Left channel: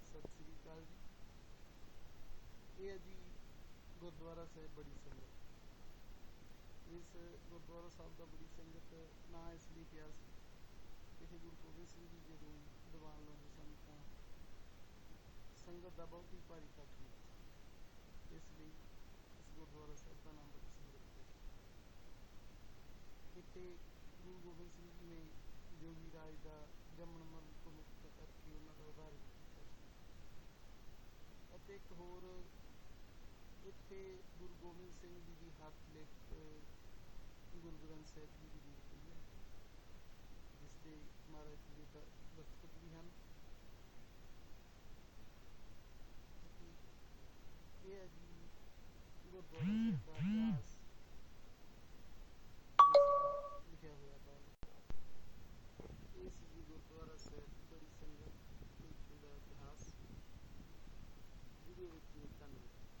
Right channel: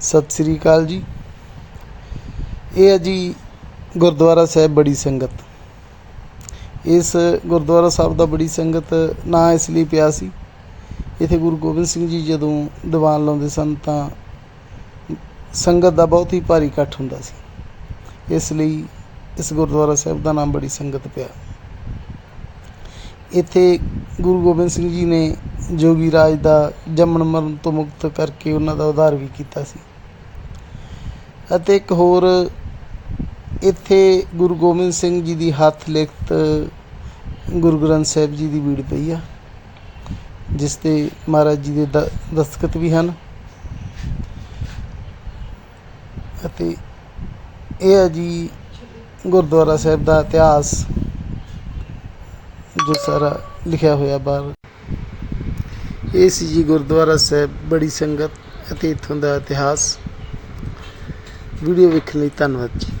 ਸਤਿ ਸ੍ਰੀ ਅਕਾਲ ਜੀ। ਇਹ ਹੈ ਜੀ ਗੁਰਦੁਆਰਾ ਸਾਹਿਬ ਬੜੀ ਸੰਗਤ। ਇਸ ਗੁਰਦੁਆਰਾ ਸਾਹਿਬ ਦਾ ਬੜੀ ਸੰਗਤ ਨਾਂ ਇਸ ਲਈ ਪਿਆ ਸੀ, ਇੱਥੇ ਗੁਰੂ ਗੋਬਿੰਦ ਸਿੰਘ ਜੀ ਜਦੋਂ ਦੀਵਾਨ ਲਾਉਂਦੇ ਸਨ ਤਾਂ ਸੰਗਤ ਦਾ ਬਹੁਤ ਹੀ ਭਾਰੀ ਇਕੱਠ ਹੁੰਦਾ ਸੀ। ਇਸ ਲਈ ਇਸ ਗੁਰਦੁਆਰਾ ਸਾਹਿਬ ਦਾ ਨਾਮ ਬੜੀ ਸੰਗਤ ਪਿਆ। ਇੱਥੇ ਗੁਰੂ ਗੋਬਿੰਦ ਸਿੰਘ ਜੀ ਨੇ ਜੋਗੀ ਰਾਜ ਦਾ ਜੰਮਣ ਮਰਨ ਤੋਂ ਮੁਕਤ ਕਰਕੇ ਉਹਨਾਂ ਦਾ ਉਧਾਰ ਵੀ ਕੀਤਾ ਸੀ। ਅਤੇ ਇੱਕ ਹੋਰ ਇੱਥੇ ਗੁਰੂ ਗੋਬਿੰਦ ਸਿੰਘ ਜੀ ਦੀ ਹੱਥ ਲਿਖਤ ਗੁਰੂ ਗ੍ਰੰਥ ਸਾਹਿਬ ਜੀ ਦੀ ਬੀੜ ਪਈ ਆ, ਜਿਸ ਤੇ ਮਹਾਰਾਜ ਜੀ ਦੇ ਦ- ਦਸਤਖਤ ਵੀ ਹਨ। ਅਤੇ ਇਹ ਹੈ ਜੀ ਗੁਰਦੁਆਰਾ ਸਾਹਿਬ ਦਾ ਇਤਿਹਾਸ। ਗੁਰਸਾਰਾ ਲਿਖਿਆ ਹੋਇਆ ਬਾਹਰ। ਇਹ ਸੀ ਜੀ ਗੁਰਦੁਆਰਾ ਸਾਹਿਬ, ਬੜੀ ਸੰਗਤ ਅਤੇ ਇੱਥੋਂ ਦਾ ਇਤਿਹਾਸ। ਵੀਡੀਓ ਵੇਖਣ ਲਈ ਧੰਨਵਾਦ ਜੀ।